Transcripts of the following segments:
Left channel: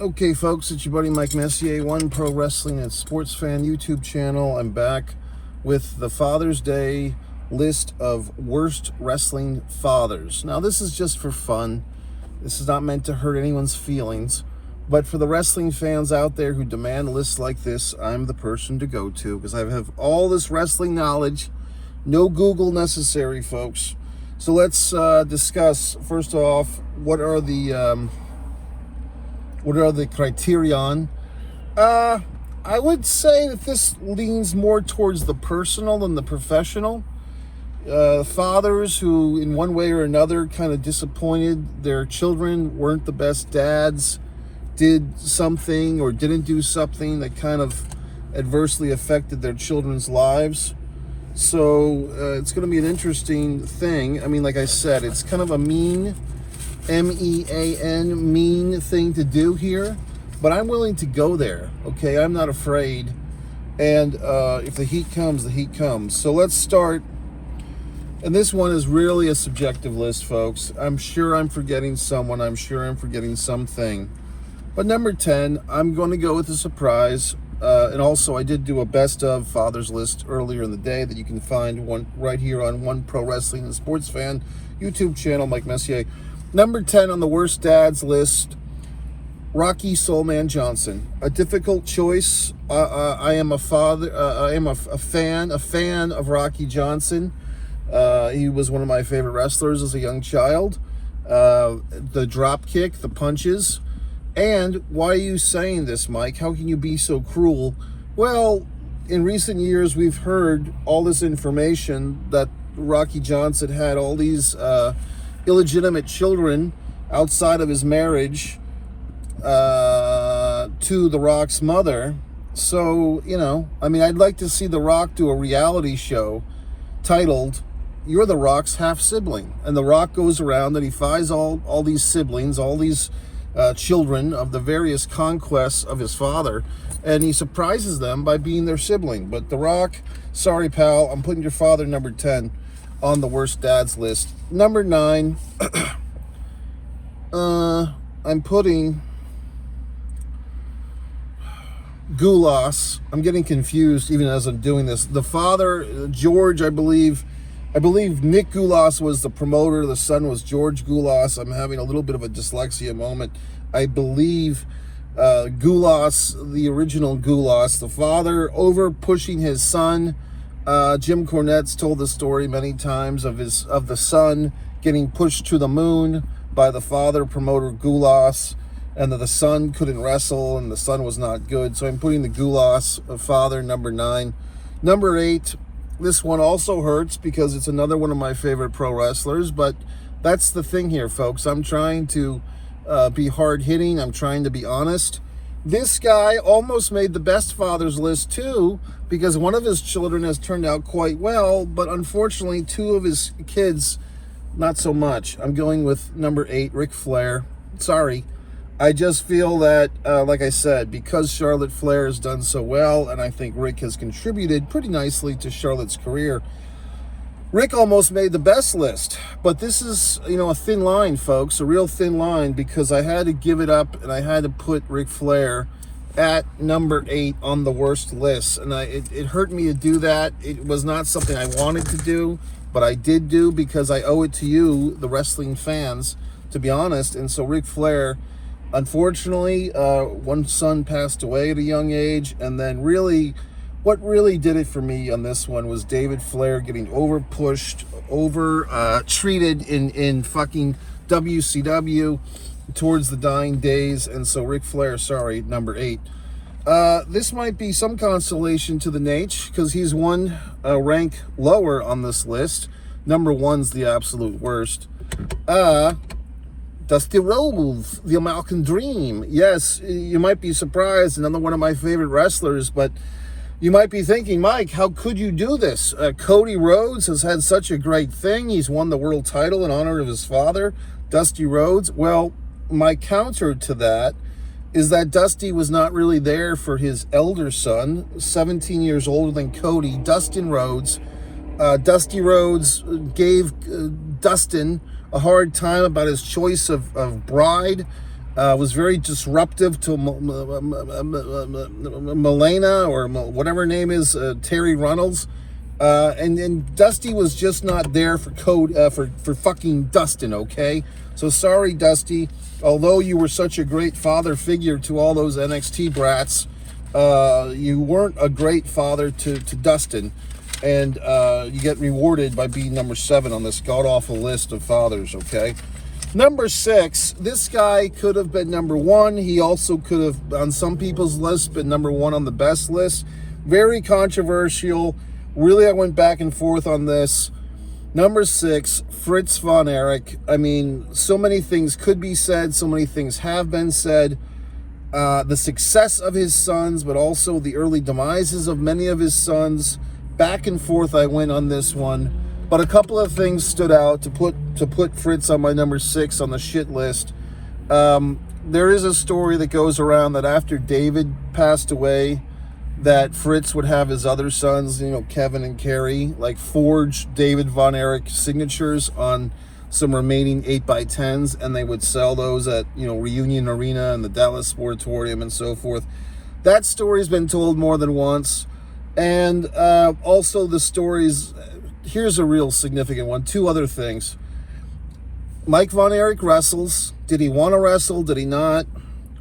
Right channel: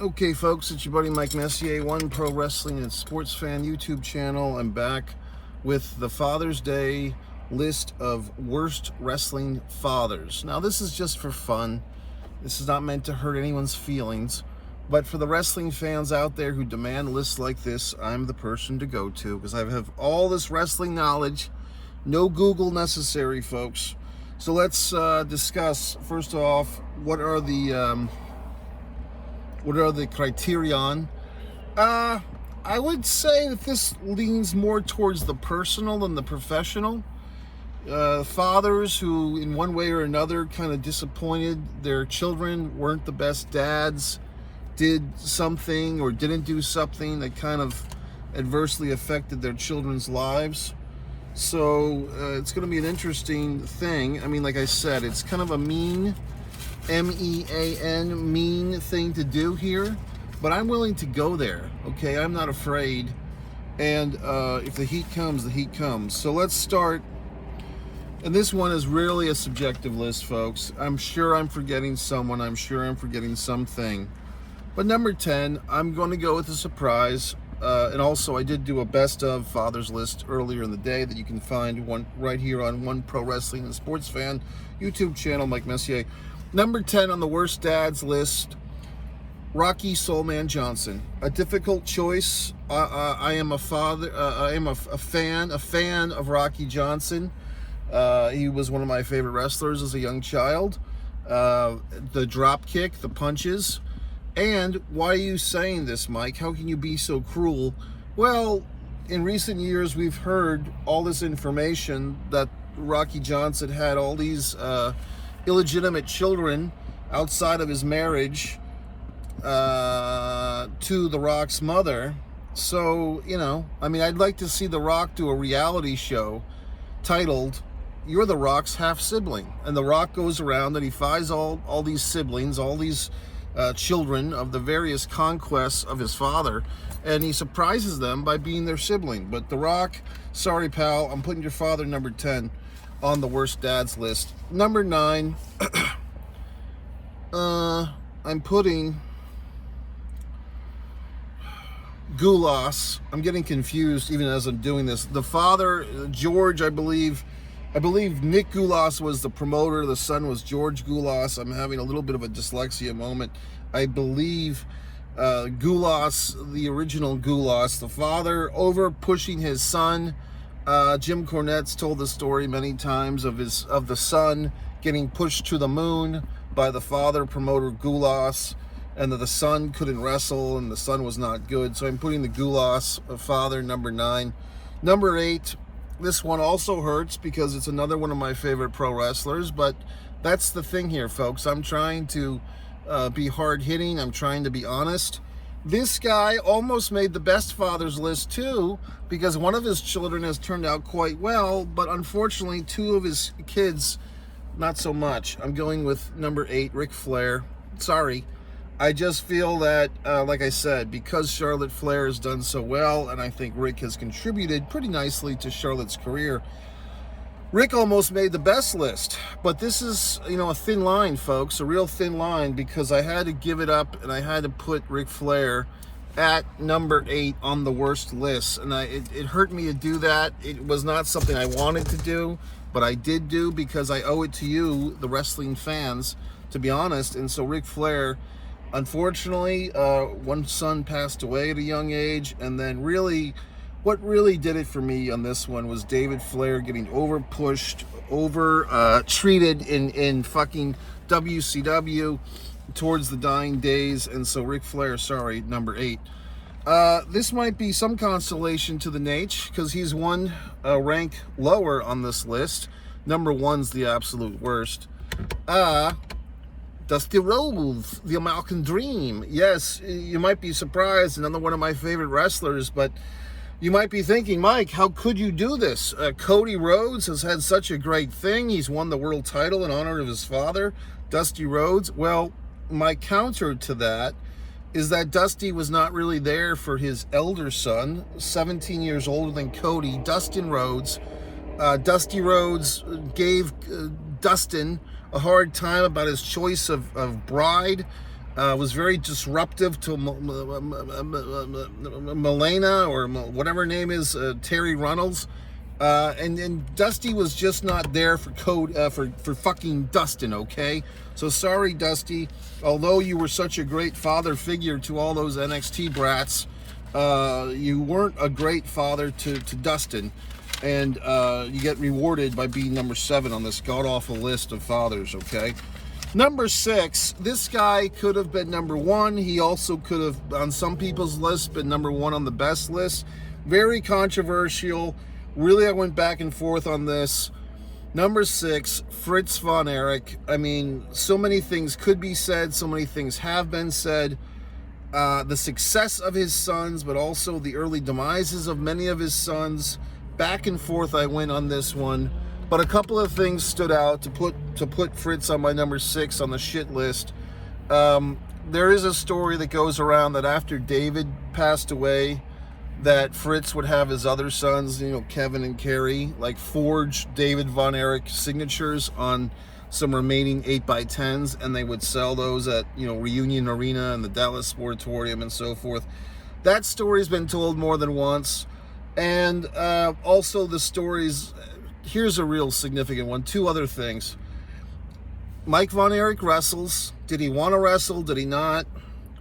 Okay, folks, it's your buddy Mike Messier, One Pro Wrestling and Sports Fan YouTube channel. I'm back with the Father's Day list of worst wrestling fathers. Now, this is just for fun. This is not meant to hurt anyone's feelings. But for the wrestling fans out there who demand lists like this, I'm the person to go to because I have all this wrestling knowledge. No Google necessary, folks. So let's discuss, first off, what are the criterion? I would say that this leans more towards the personal than the professional. Fathers who, in one way or another, kind of disappointed their children, weren't the best dads, did something or didn't do something that kind of adversely affected their children's lives. So it's going to be an interesting thing. I mean, like I said, it's kind of a mean, M-E-A-N, mean thing to do here, but I'm willing to go there, okay? I'm not afraid, and if the heat comes, the heat comes. So let's start, and this one is really a subjective list, folks. I'm sure I'm forgetting someone. I'm sure I'm forgetting something. But number 10, I'm going to go with a surprise, and also I did do a best of fathers list earlier in the day that you can find one right here on One Pro Wrestling and Sports Fan YouTube channel, Mike Messier. Number 10 on the worst dads list, Rocky Soulman Johnson. A difficult choice. I am a father. I am a fan of Rocky Johnson. He was one of my favorite wrestlers as a young child. The drop kick, the punches. And why are you saying this, Mike? How can you be so cruel? Well, in recent years, we've heard all this information that Rocky Johnson had all these illegitimate children outside of his marriage to The Rock's mother. So, I mean, I'd like to see The Rock do a reality show titled, You're The Rock's Half-Sibling. And The Rock goes around and he finds all these siblings, all these children of the various conquests of his father, and he surprises them by being their sibling. But The Rock, sorry, pal, I'm putting your father number 10 on the worst dads list. Number 9, I'm putting Gulas. I'm getting confused even as I'm doing this. The father, George, I believe Nick Gulas was the promoter. The son was George Gulas. I'm having a little bit of a dyslexia moment. I believe Gulas, the original Gulas, the father, over pushing his son. Jim Cornette's told the story many times of the son getting pushed to the moon by the father, promoter Gulas, and that the son couldn't wrestle and the son was not good. So I'm putting the Gulas father, number 9. Number 8, this one also hurts because it's another one of my favorite pro wrestlers, but that's the thing here, folks. I'm trying to be hard-hitting. I'm trying to be honest. This guy almost made the best fathers list, too, because one of his children has turned out quite well, but unfortunately, 2 of his kids, not so much. I'm going with number 8, Ric Flair. Sorry. I just feel that, like I said, because Charlotte Flair has done so well, and I think Rick has contributed pretty nicely to Charlotte's career, Rick almost made the best list. But this is, a thin line, folks, a real thin line, because I had to give it up, and I had to put Ric Flair at number 8 on the worst list. And it hurt me to do that. It was not something I wanted to do, but I did do because I owe it to you, the wrestling fans, to be honest. And so Ric Flair, unfortunately, one son passed away at a young age, and then what really did it for me on this one was David Flair getting over-pushed, treated in fucking WCW towards the dying days, and so Ric Flair, sorry, number 8. This might be some consolation to the Nate, because he's one rank lower on this list. Number 1's the absolute worst. Dusty Rhodes, the American Dream. Yes, you might be surprised, another one of my favorite wrestlers, but you might be thinking, Mike, how could you do this? Cody Rhodes has had such a great thing. He's won the world title in honor of his father, Dusty Rhodes. Well, my counter to that is that Dusty was not really there for his elder son, 17 years older than Cody, Dustin Rhodes. Dusty Rhodes gave Dustin a hard time about his choice of bride. Was very disruptive to Melena, or whatever her name is, Terry Runnels. And Dusty was just not there for for fucking Dustin, okay? So sorry, Dusty. Although you were such a great father figure to all those NXT brats, you weren't a great father to Dustin. And you get rewarded by being number 7 on this god-awful list of fathers, okay? Number 6, this guy could have been number 1. He also could have, on some people's lists, been number 1 on the best list. Very controversial. Really, I went back and forth on this. Number 6, Fritz von Erich. I mean, so many things could be said. So many things have been said. The success of his sons, but also the early demises of many of his sons. Back and forth I went on this one. But a couple of things stood out to put Fritz on my number 6 on the shit list. There is a story that goes around that after David passed away, that Fritz would have his other sons, Kevin and Kerry, like forge David Von Erich signatures on some remaining 8x10s, and they would sell those at, Reunion Arena and the Dallas Sportatorium and so forth. That story's been told more than once. And also the stories, here's a real significant one. 2 other things. Mike Von Erich wrestles. Did he want to wrestle? Did he not?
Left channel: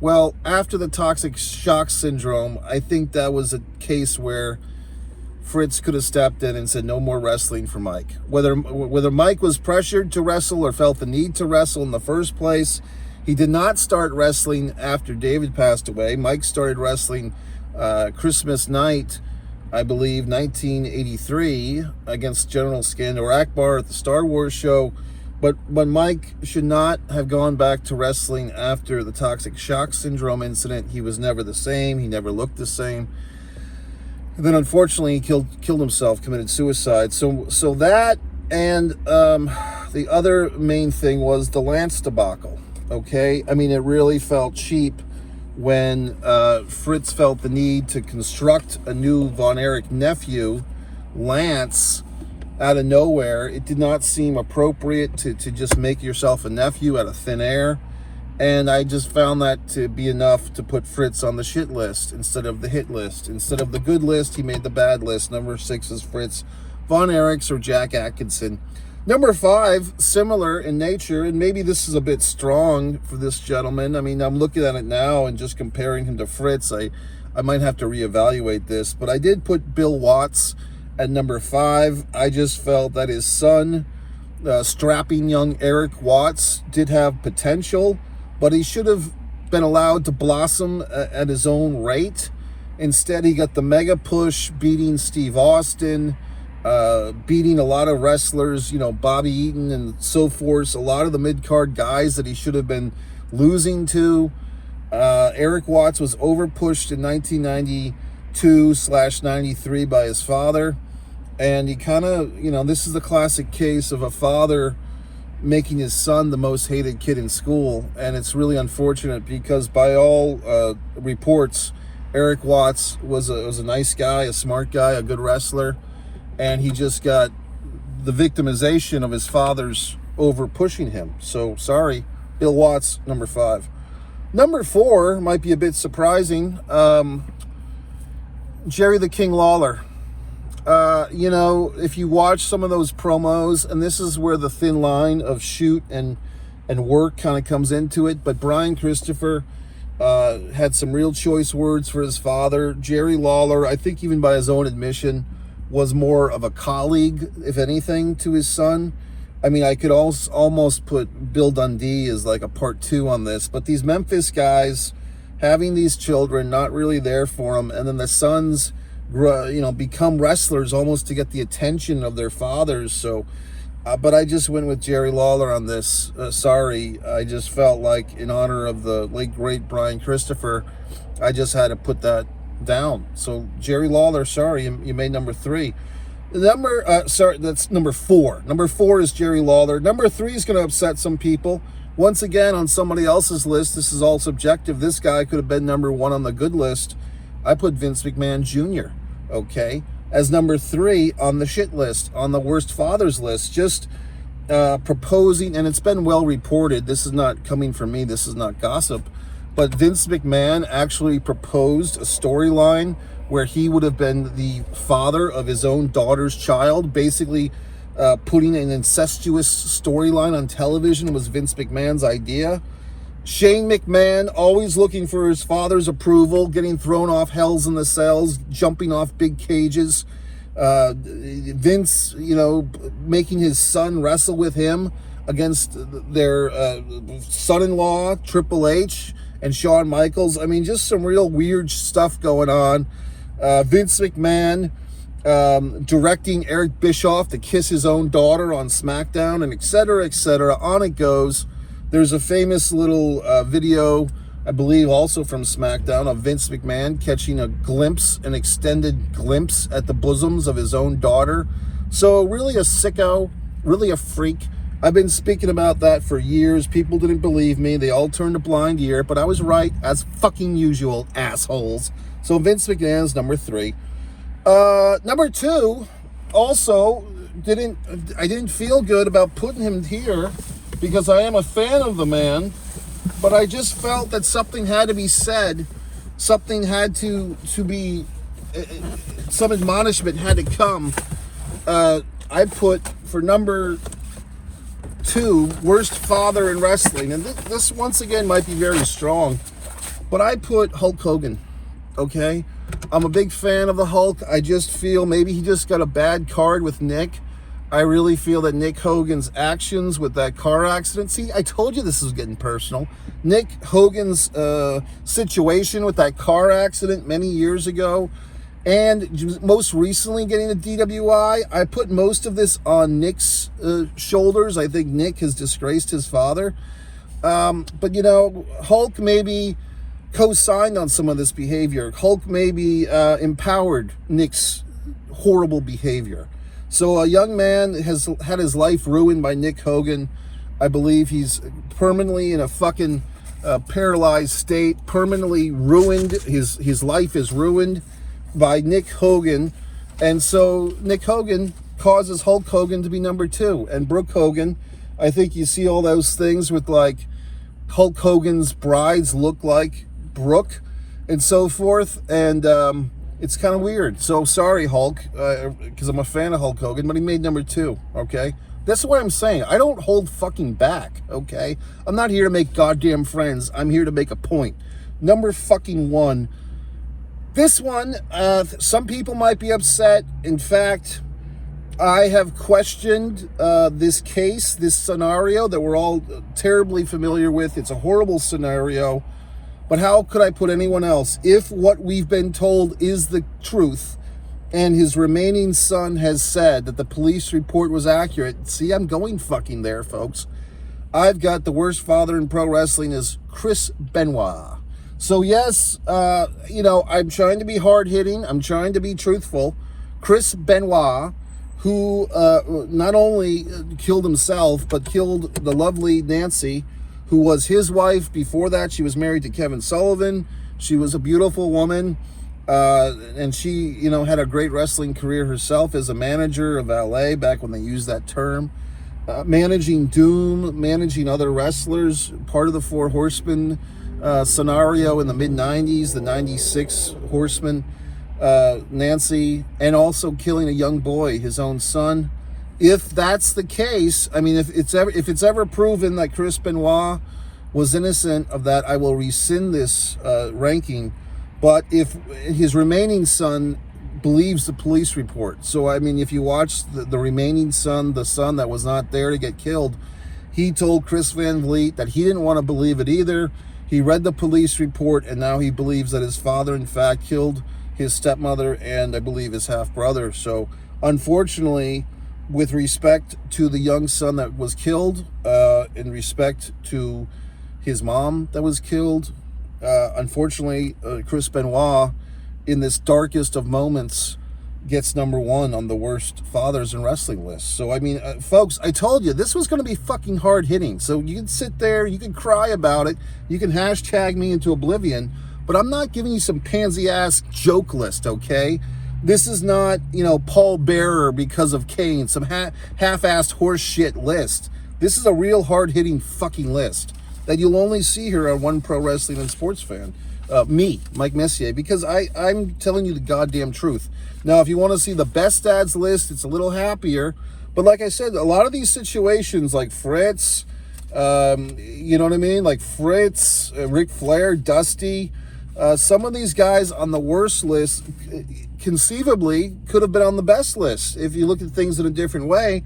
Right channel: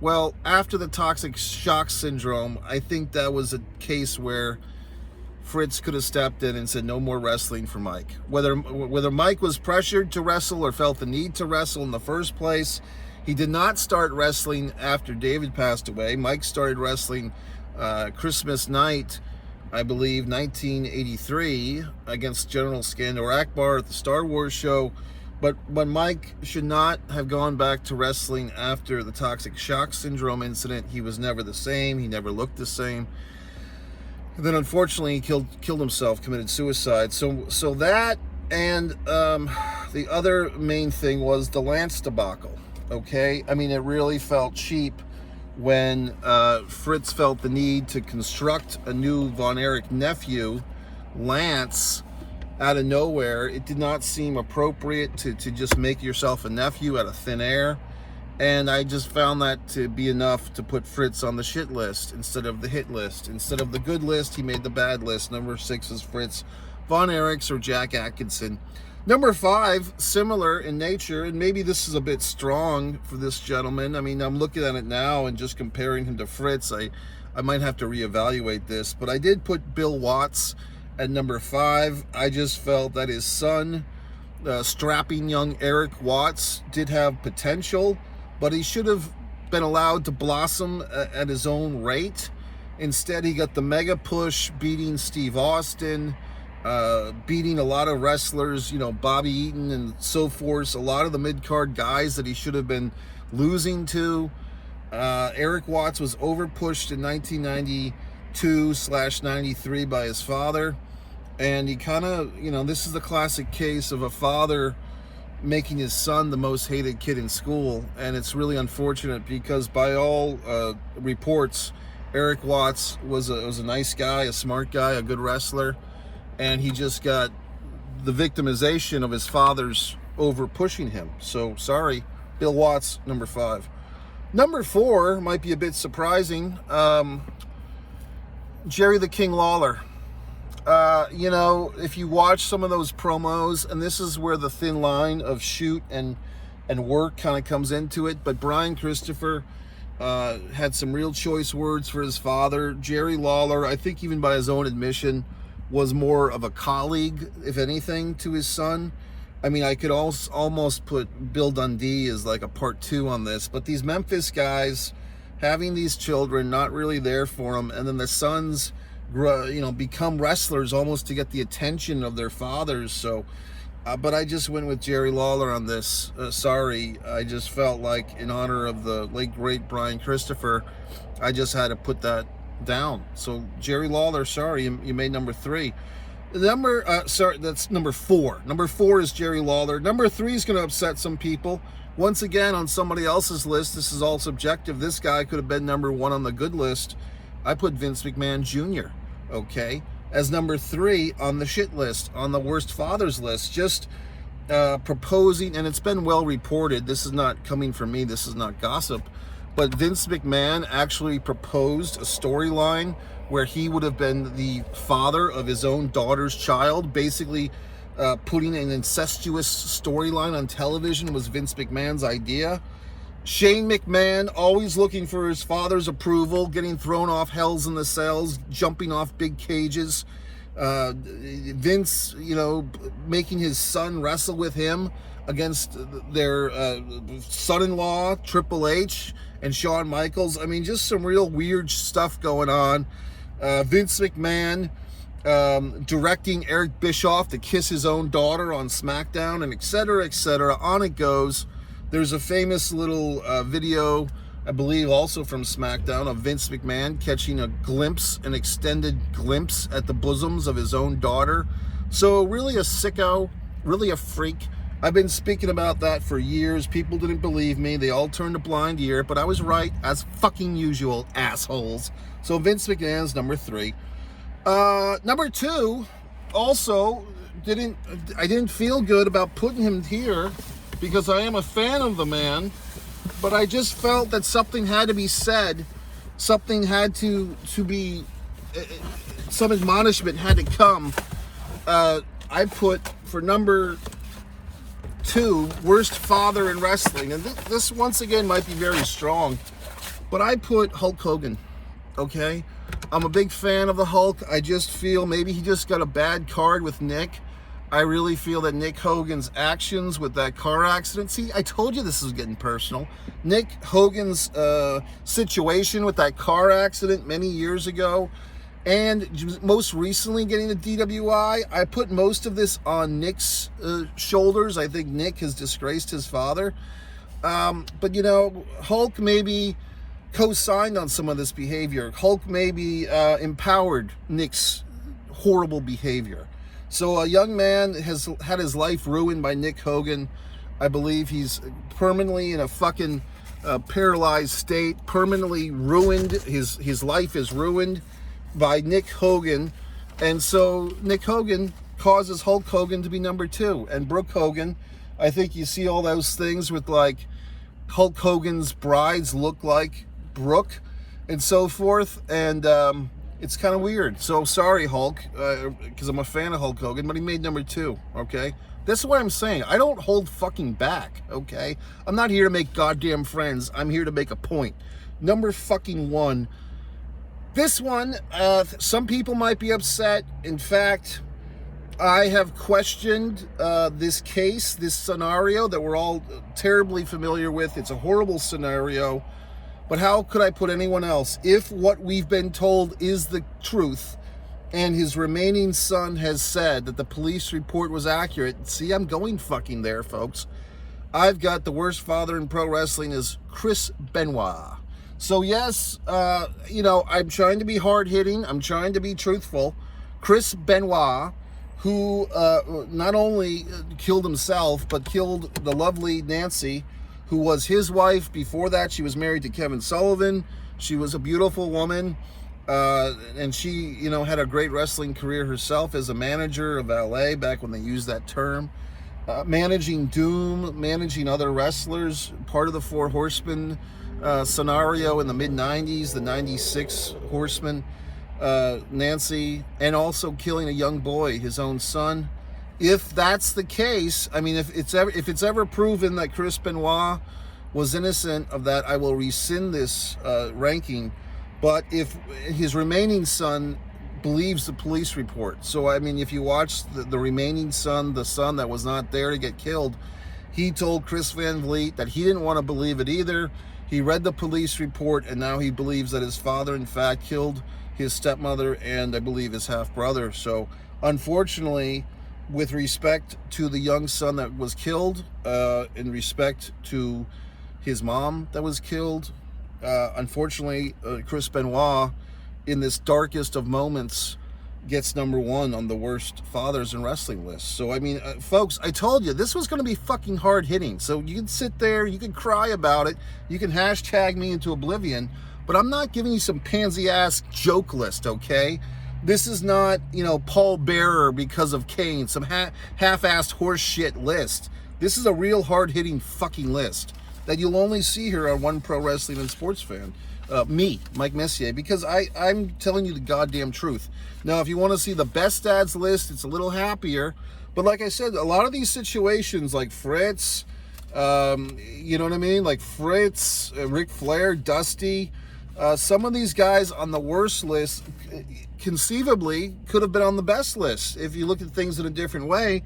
Well, after the toxic shock syndrome, I think that was a case where Fritz could have stepped in and said no more wrestling for Mike. Whether Mike was pressured to wrestle or felt the need to wrestle in the first place, he did not start wrestling after David passed away. Mike started wrestling Christmas night, I believe, 1983, against General Skandor Akbar at the Star Wars show. But Mike should not have gone back to wrestling after the toxic shock syndrome incident. He was never the same. He never looked the same. And then, unfortunately, he killed himself, committed suicide. So that, and the other main thing was the Lance debacle. Okay, I mean, it really felt cheap when Fritz felt the need to construct a new Von Erich nephew, Lance, out of nowhere. It did not seem appropriate to just make yourself a nephew out of thin air. And I just found that to be enough to put Fritz on the shit list instead of the hit list. Instead of the good list, he made the bad list. Number 6 is Fritz Von Erichs or Jack Atkinson. Number 5, similar in nature, and maybe this is a bit strong for this gentleman. I mean, I'm looking at it now and just comparing him to Fritz. I might have to reevaluate this, but I did put Bill Watts at number 5. I just felt that his son, strapping young Eric Watts, did have potential, but he should have been allowed to blossom at his own rate. Instead, he got the mega push, beating Steve Austin, beating a lot of wrestlers, Bobby Eaton and so forth, a lot of the mid-card guys that he should have been losing to. Eric Watts was overpushed in 1992/93 by his father. And he kind of, this is the classic case of a father making his son the most hated kid in school. And it's really unfortunate because by all reports, Eric Watts was a nice guy, a smart guy, a good wrestler. And he just got the victimization of his father's over pushing him. So sorry, Bill Watts, number 5. Number 4 might be a bit surprising. Jerry the King Lawler. If you watch some of those promos, and this is where the thin line of shoot and work kind of comes into it, but Brian Christopher had some real choice words for his father. Jerry Lawler, I think even by his own admission, was more of a colleague, if anything, to his son. I mean, I could also almost put Bill Dundee as like a part 2 on this, but these Memphis guys having these children, not really there for them, and then the sons become wrestlers almost to get the attention of their fathers. So, but I just went with Jerry Lawler on this. Sorry, I just felt like in honor of the late great Brian Christopher, I just had to put that down. So Jerry Lawler, sorry, you made number 3. That's number 4. Number 4 is Jerry Lawler. Number 3 is going to upset some people. Once again, on somebody else's list, this is all subjective. This guy could have been number 1 on the good list. I put Vince McMahon Jr., okay, as number 3 on the shit list, on the worst fathers list. Just proposing, and it's been well reported, this is not coming from me, this is not gossip, but Vince McMahon actually proposed a storyline where he would have been the father of his own daughter's child. Basically, putting an incestuous storyline on television was Vince McMahon's idea. Shane McMahon, always looking for his father's approval, getting thrown off Hells in the Cells, jumping off big cages. Vince, making his son wrestle with him against their son-in-law, Triple H, and Shawn Michaels. I mean, just some real weird stuff going on. Vince McMahon directing Eric Bischoff to kiss his own daughter on SmackDown, and et cetera, et cetera. On it goes. There's a famous little video, I believe also from SmackDown, of Vince McMahon catching an extended glimpse at the bosoms of his own daughter. So really a sicko, really a freak. I've been speaking about that for years. People didn't believe me. They all turned a blind ear, but I was right, as fucking usual, assholes. So Vince McMahon's number 3. Number 2, also, I didn't feel good about putting him here, because I am a fan of the man, but I just felt that something had to be said. Something had to be, some admonishment had to come. I put, for number 2, worst father in wrestling, and this once again might be very strong, but I put Hulk Hogan, okay? I'm a big fan of the Hulk. I just feel maybe he just got a bad card with Nick. I really feel that Nick Hogan's actions with that car accident. See, I told you this was getting personal. Nick Hogan's situation with that car accident many years ago, and most recently getting a DWI. I put most of this on Nick's shoulders. I think Nick has disgraced his father. But, Hulk maybe co-signed on some of this behavior. Hulk maybe empowered Nick's horrible behavior. So a young man has had his life ruined by Nick Hogan. I believe he's permanently in a fucking paralyzed state, permanently ruined. His life is ruined by Nick Hogan. And so Nick Hogan causes Hulk Hogan to be number 2. And Brooke Hogan, I think you see all those things with like Hulk Hogan's brides look like Brooke and so forth. And it's kind of weird. So sorry, Hulk, because I'm a fan of Hulk Hogan, but he made number 2, okay? That's what I'm saying. I don't hold fucking back, okay? I'm not here to make goddamn friends. I'm here to make a point. Number fucking 1. This one, some people might be upset. In fact, I have questioned this case, this scenario that we're all terribly familiar with. It's a horrible scenario. But how could I put anyone else? If what we've been told is the truth, and his remaining son has said that the police report was accurate, see, I'm going fucking there, folks. I've got the worst father in pro wrestling is Chris Benoit. So yes, I'm trying to be hard-hitting. I'm trying to be truthful. Chris Benoit, who not only killed himself, but killed the lovely Nancy, who was his wife. Before that, she was married to Kevin Sullivan. She was a beautiful woman, and she, had a great wrestling career herself as a manager of LA back when they used that term. Managing Doom, managing other wrestlers, part of the Four Horsemen scenario in the mid-90s, the 96 Horsemen, Nancy, and also killing a young boy, his own son. If that's the case, I mean, if it's ever proven that Chris Benoit was innocent of that, I will rescind this ranking. But if his remaining son believes the police report, so I mean, if you watch the remaining son, the son that was not there to get killed, he told Chris Van Vliet that he didn't want to believe it either. He read the police report, and now he believes that his father, in fact, killed his stepmother and I believe his half-brother. So, unfortunately, with respect to the young son that was killed, in respect to his mom that was killed, unfortunately, Chris Benoit, in this darkest of moments, gets number 1 on the worst fathers in wrestling list. So, I mean, folks, I told you, this was going to be fucking hard-hitting. So you can sit there, you can cry about it, you can hashtag me into oblivion, but I'm not giving you some pansy-ass joke list, okay? This is not, you know, Paul Bearer because of Kane, some half-assed horse shit list. This is a real hard-hitting fucking list that you'll only see here on One Pro Wrestling and Sports Fan. Me, Mike Messier, because I'm telling you the goddamn truth. Now, if you want to see the best dads list, it's a little happier. But like I said, a lot of these situations, like Fritz, you know what I mean? Like Fritz, Ric Flair, Dusty, some of these guys on the worst list conceivably could have been on the best list if you look at things in a different way.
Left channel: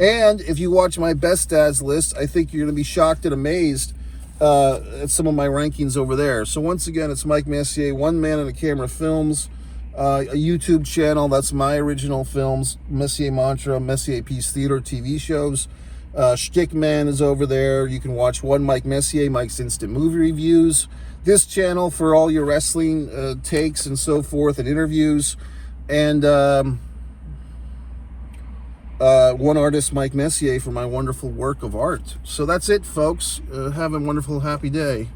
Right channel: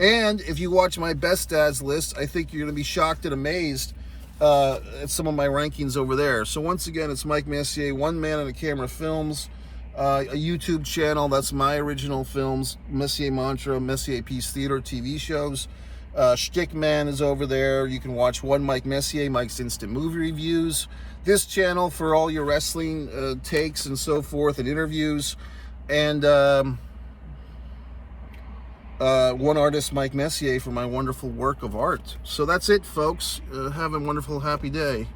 And if you watch my best dads list, I think you're going to be shocked and amazed at some of my rankings over there. So once again, it's Mike Messier, One Man and a Camera Films, a YouTube channel. That's my original films, Messier Mantra, Messier Peace Theater TV shows. Shtick Man is over there. You can watch One Mike Messier, Mike's Instant Movie Reviews. This channel for all your wrestling takes and so forth and interviews. And One Artist, Mike Messier, for my wonderful work of art. So that's it, folks. Have a wonderful, happy day.